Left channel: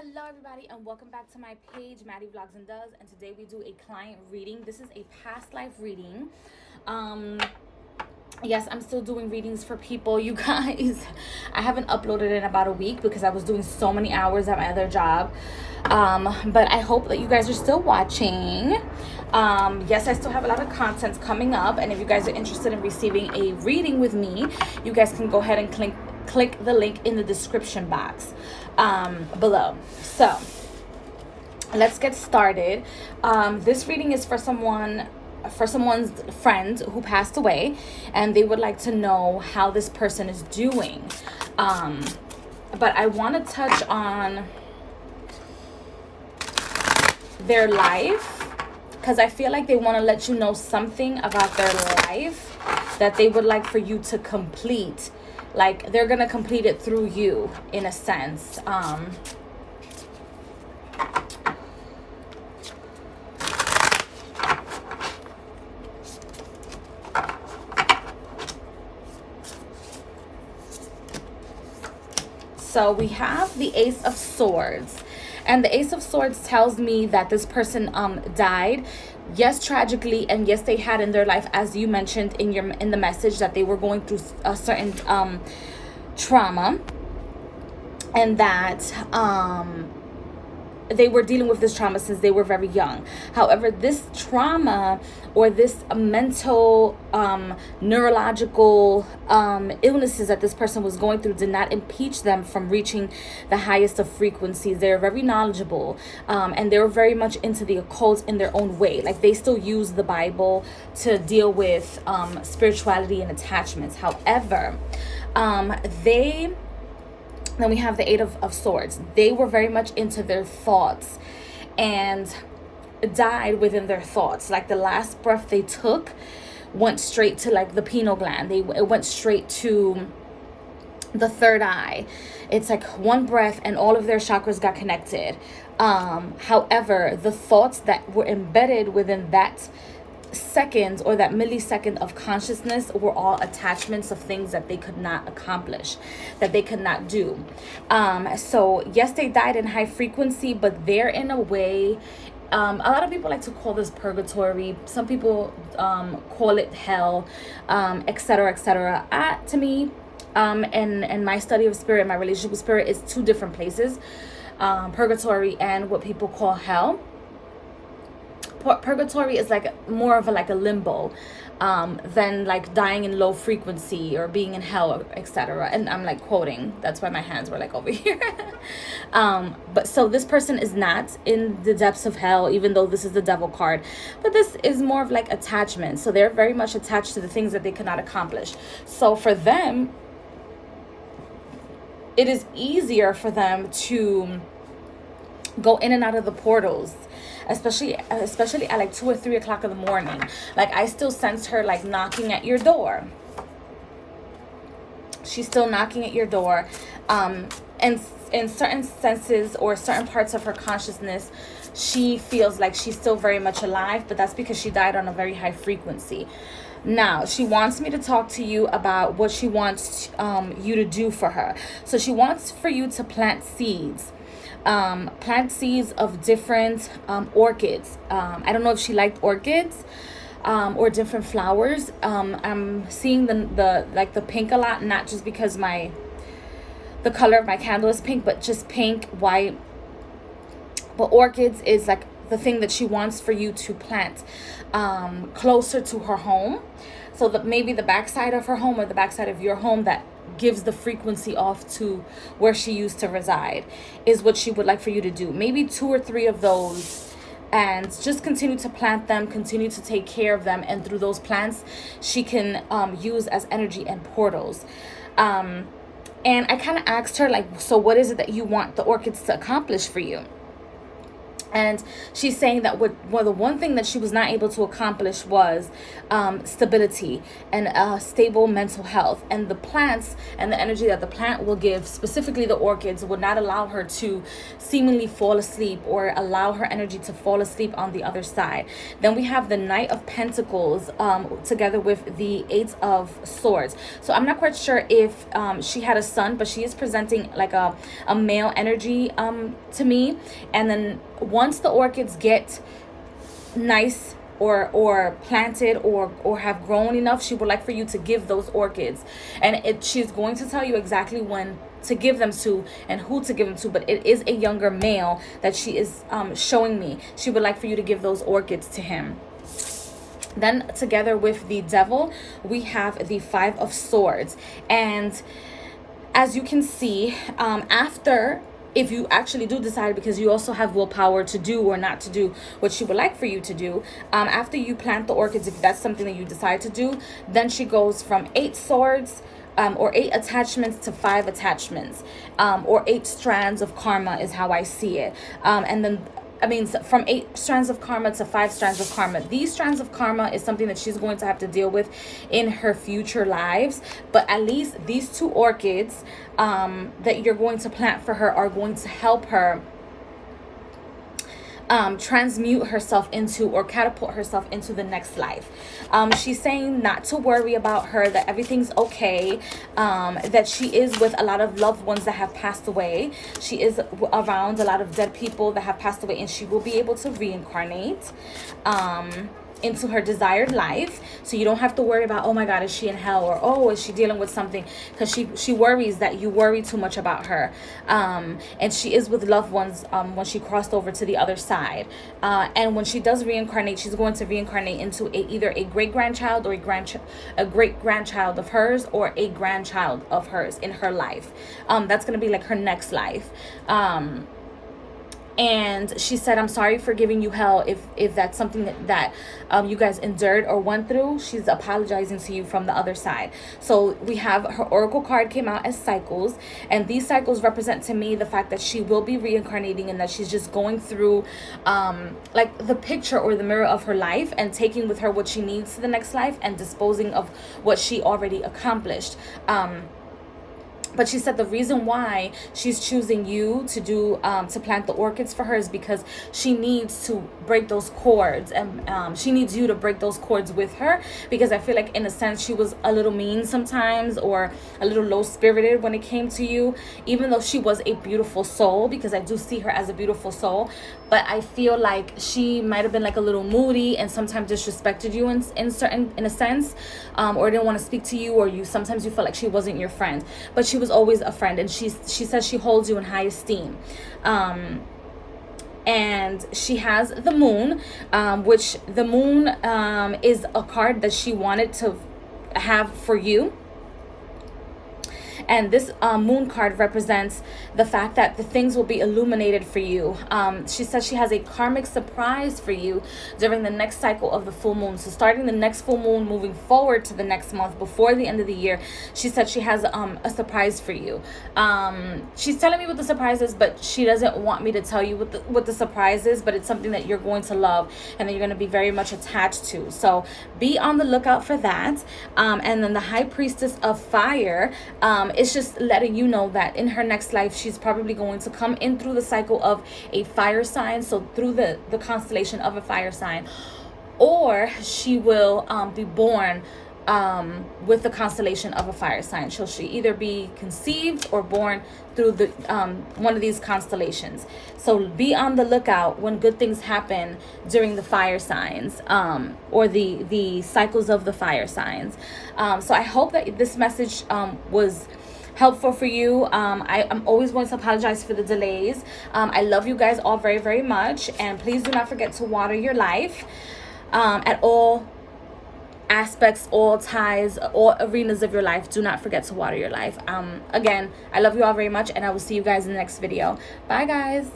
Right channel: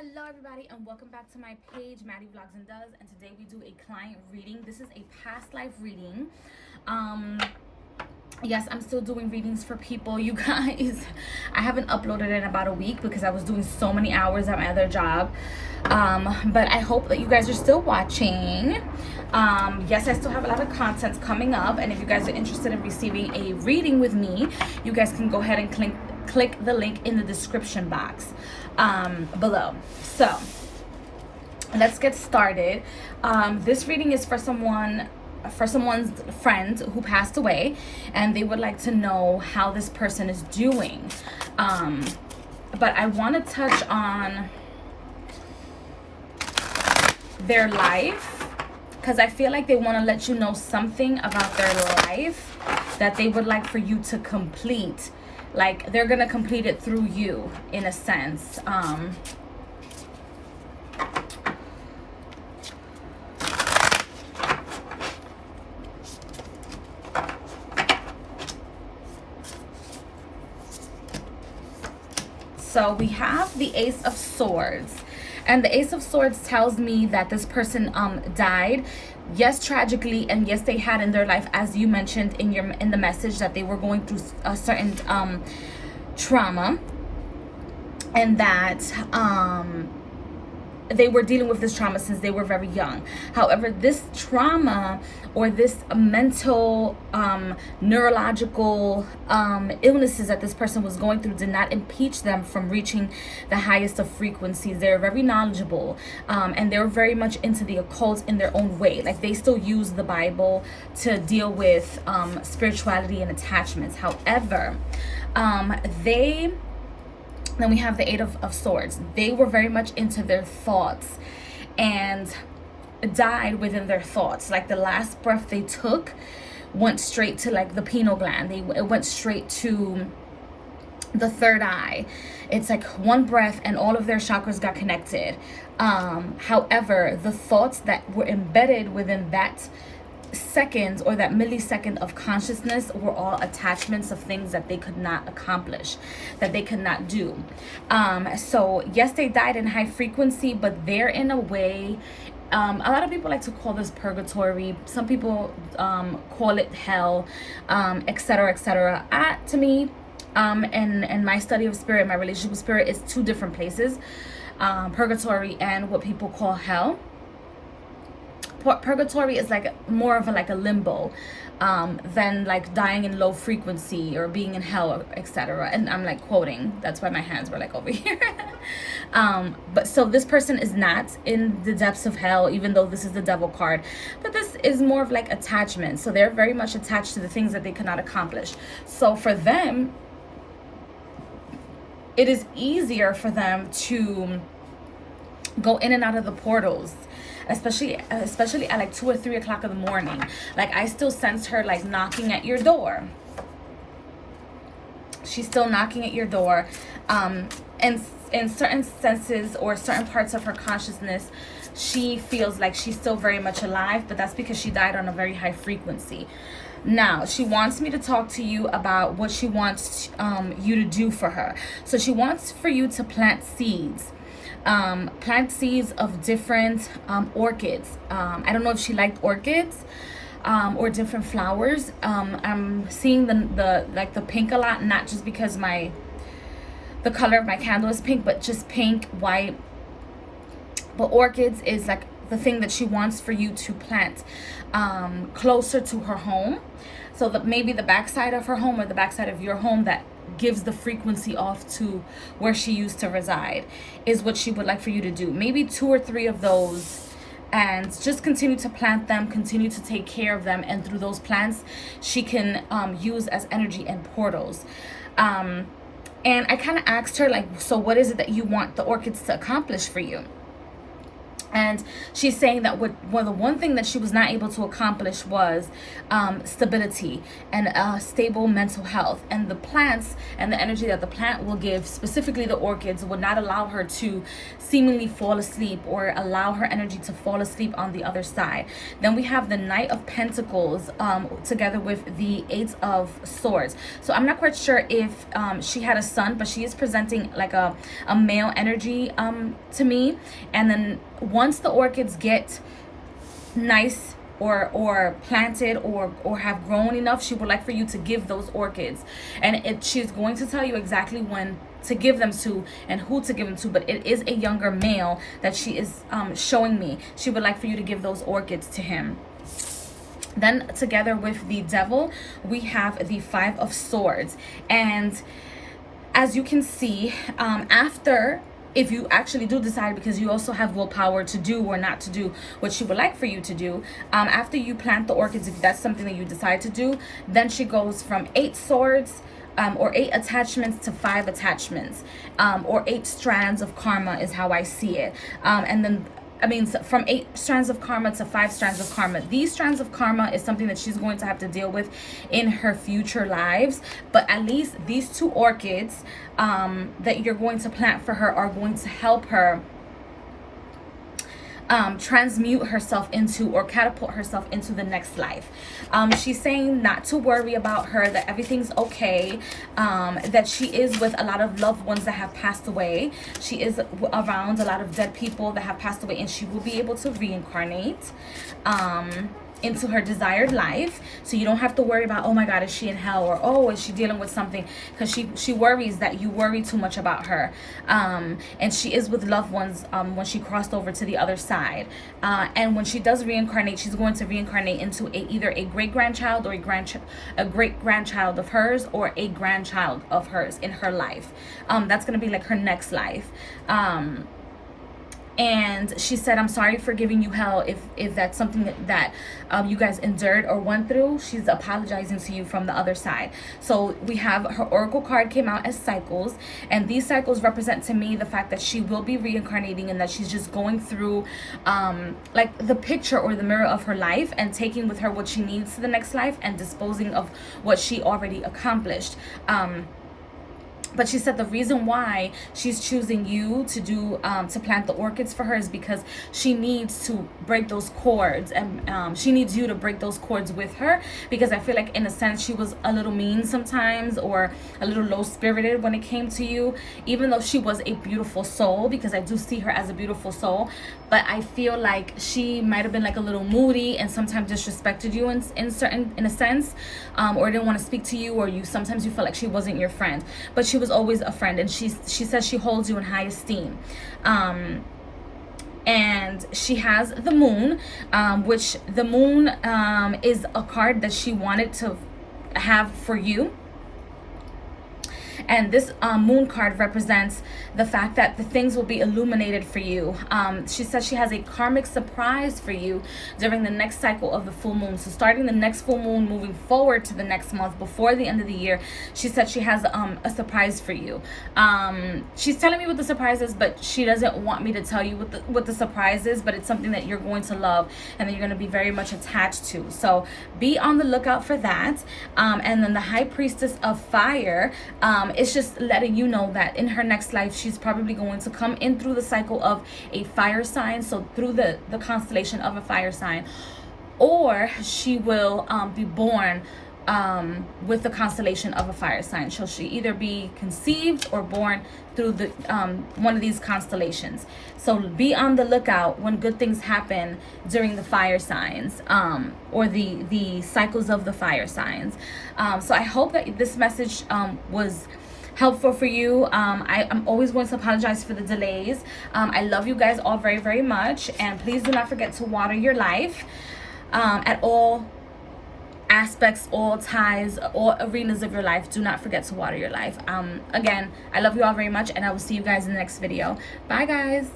Hello everybody and welcome back to my page, Maddievlogsdoes, and today we do a client reading. This is a past life reading. Yes, I'm still doing readings for people, you guys. I haven't uploaded in about a week because I was doing so many hours at my other job. But I hope that you guys are still watching. Yes, I still have a lot of content coming up, and if you guys are interested in receiving a reading with me, you guys can go ahead and click the link in the description box below. So let's get started. This reading is for someone's friend who passed away, and they would like to know how this person is doing. But I want to touch on their life because I feel like they want to let you know something about their life that they would like for you to complete. Like they're gonna complete it through you, in a sense. So we have the Ace of Swords, and the Ace of Swords tells me that this person died, yes, tragically, and yes, they had in their life, as you mentioned in the message, that they were going through a certain trauma, and that they were dealing with this trauma since they were very young. However, this trauma or this mental neurological illnesses that this person was going through did not impeach them from reaching the highest of frequencies. They're very knowledgeable, and they're very much into the occult in their own way. Like they still use the Bible to deal with spirituality and attachments. However, then we have the Eight of Swords. They were very much into their thoughts and died within their thoughts. Like the last breath they took went straight to like the pineal gland. It went straight to the third eye. It's like one breath and all of their chakras got connected. However, the thoughts that were embedded within that second or that millisecond of consciousness were all attachments of things that they could not accomplish, that they could not do. So yes, they died in high frequency, but they're in a way, a lot of people like to call this purgatory. Some people call it hell, etc., etc. To me, and my study of spirit, my relationship with spirit, is two different places, purgatory and what people call hell. Purgatory is like more of a limbo than like dying in low frequency or being in hell, etc. And I'm like quoting, that's why my hands were like over here. But so this person is not in the depths of hell, even though this is the devil card, but this is more of like attachment. So they're very much attached to the things that they cannot accomplish. So for them, it is easier for them to go in and out of the portals, especially at like 2 or 3 o'clock in the morning. Like I still sense her like knocking at your door. She's still knocking at your door, and in certain senses or certain parts of her consciousness, she feels like she's still very much alive, but that's because she died on a very high frequency. Now she wants me to talk to you about what she wants you to do for her. So she wants for you to plant seeds. Plant seeds of different orchids. I don't know if she liked orchids or different flowers. I'm seeing the pink a lot, not just because the color of my candle is pink, but just pink, white. But orchids is like the thing that she wants for you to plant closer to her home, so that maybe the backside of her home or the backside of your home that gives the frequency off to where she used to reside is what she would like for you to do. Maybe 2 or 3 of those, and just continue to plant them, continue to take care of them, and through those plants she can use as energy and portals. And I kind of asked her, like, so what is it that you want the orchids to accomplish for you? And she's saying that the one thing that she was not able to accomplish was stability and stable mental health. And the plants and the energy that the plant will give, specifically the orchids, would not allow her to seemingly fall asleep or allow her energy to fall asleep on the other side. Then we have the Knight of Pentacles together with the Eight of Swords. So I'm not quite sure if she had a son, but she is presenting like a male energy to me. And then once the orchids get nice or planted or have grown enough, she would like for you to give those orchids, and she's going to tell you exactly when to give them to and who to give them to. But it is a younger male that she is showing me. She would like for you to give those orchids to him. Then together with the Devil, we have the Five of Swords. And as you can see, if you actually do decide, because you also have willpower to do or not to do what she would like for you to do, after you plant the orchids, if that's something that you decide to do, then she goes from 8 swords or 8 attachments to 5 attachments, or 8 strands of karma is how I see it. And then from 8 strands of karma to 5 strands of karma. These strands of karma is something that she's going to have to deal with in her future lives. But at least these 2 orchids that you're going to plant for her are going to help her transmute herself into or catapult herself into the next life. She's saying not to worry about her, that everything's okay, that she is with a lot of loved ones that have passed away. She is around a lot of dead people that have passed away, and she will be able to reincarnate into her desired life. So you don't have to worry about, oh my God, is she in hell, or oh, is she dealing with something, because she worries that you worry too much about her. And she is with loved ones when she crossed over to the other side. And when she does reincarnate, she's going to reincarnate into either a great-grandchild or a great-grandchild of hers, or a grandchild of hers in her life. That's going to be like her next life. And she said, I'm sorry for giving you hell if that's something that you guys endured or went through. She's apologizing to you from the other side. So we have her oracle card came out as cycles, and these cycles represent to me the fact that she will be reincarnating, and that she's just going through like the picture or the mirror of her life, and taking with her what she needs to the next life and disposing of what she already accomplished. But she said the reason why she's choosing you to do to plant the orchids for her is because she needs to break those cords, and she needs you to break those cords with her, because I feel like in a sense she was a little mean sometimes, or a little low-spirited when it came to you, even though she was a beautiful soul, because I do see her as a beautiful soul. But I feel like she might have been like a little moody and sometimes disrespected you in a sense, or didn't want to speak to you, or sometimes you felt like she wasn't your friend, but she was always a friend, and she says she holds you in high esteem. And she has the Moon, which the Moon is a card that she wanted to have for you. And this moon card represents the fact that the things will be illuminated for you. She says she has a karmic surprise for you during the next cycle of the full moon. So starting the next full moon, moving forward to the next month before the end of the year, she said she has a surprise for you. She's telling me what the surprise is, but she doesn't want me to tell you what the surprise is, but it's something that you're going to love and that you're going to be very much attached to. So be on the lookout for that. And then the High Priestess of Fire, it's just letting you know that in her next life, she's probably going to come in through the cycle of a fire sign, so through the constellation of a fire sign, or she will be born with the constellation of a fire sign. So she either be conceived or born through the one of these constellations. So be on the lookout when good things happen during the fire signs, or the cycles of the fire signs. So I hope that this message was helpful for you. I'm always going to apologize for the delays. I love you guys all very, very much, and please do not forget to water your life at all aspects, all ties, all arenas of your life. Do not forget to water your life. Again, I love you all very much, and I will see you guys in the next video. Bye, guys.